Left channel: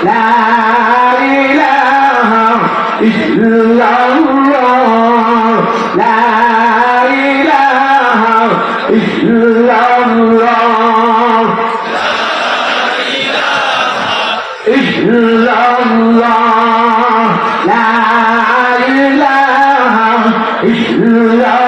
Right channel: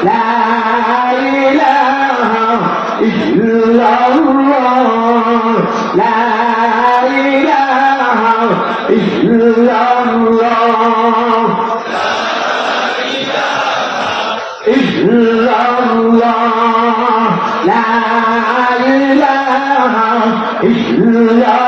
Allah, La ilaha illallah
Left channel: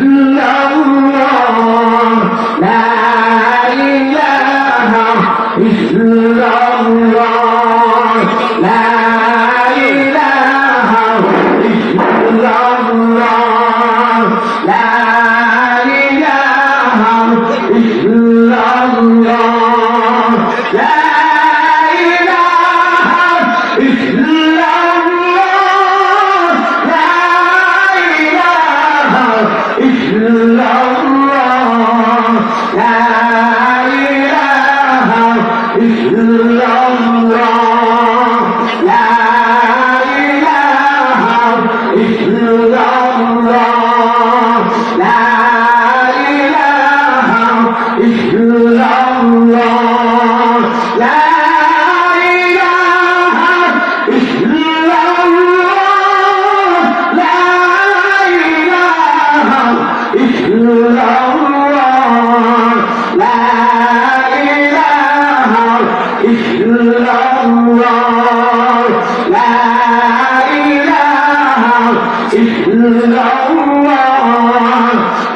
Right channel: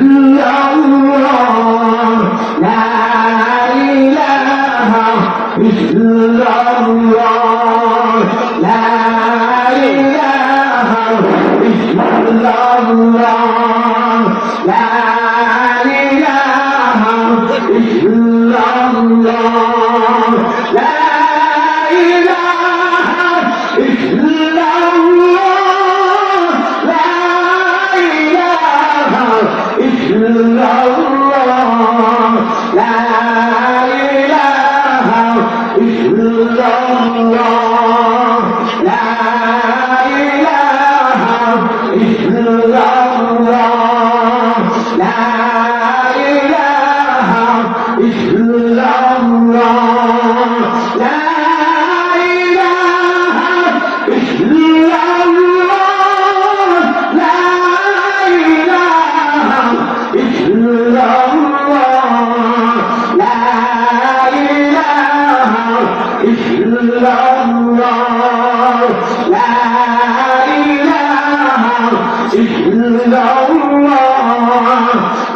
إلا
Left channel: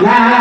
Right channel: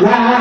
la